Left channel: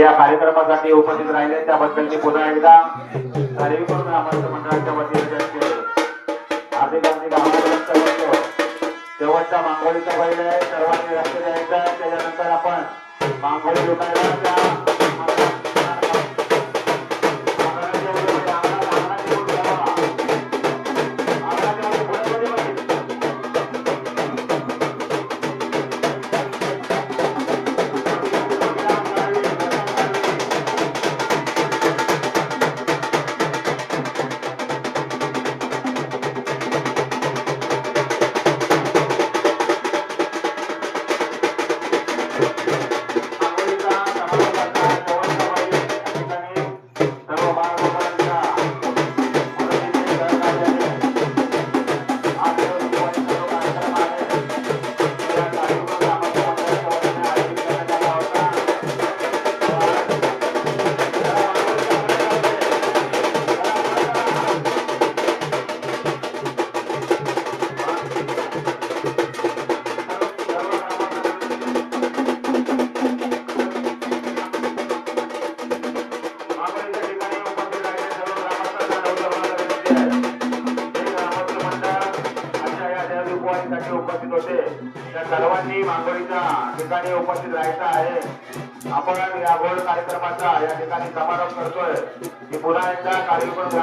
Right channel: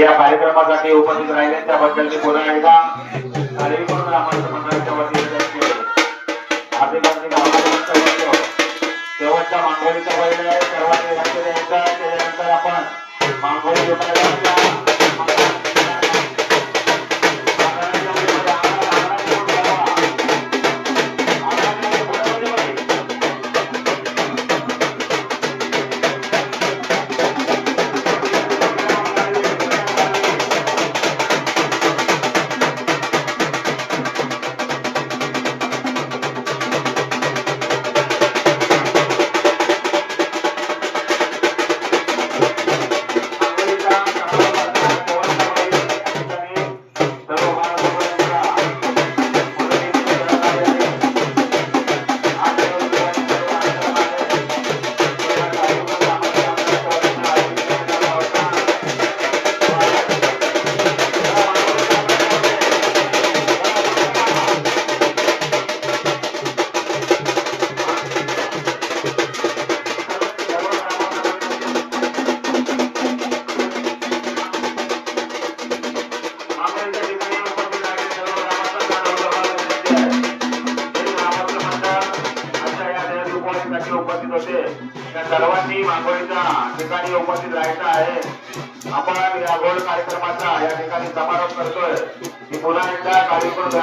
या कार्यक्रमासाठी उपस्थित राहिले त्याबद्दल मी पुन्हा एकदा कार्यक्रम ग्रामस्थ मंडळाच्या वतीने हार्दिक आभार. शेवटचा मांगोळीचा बैल आहे, सर्वांनी लक्ष द्यायचं. त्याच्यानंतर आपण मांगोळी विकायला उपस्थित होते. त्या सर्वांनी मांगोळीच्या ठिकाणी उपस्थित राहायचं आहे. आपण या गोल कार्यक्रमाचा या ठिकाणी समारोप करतोय. पुन्हा एकदा कार्यक्रम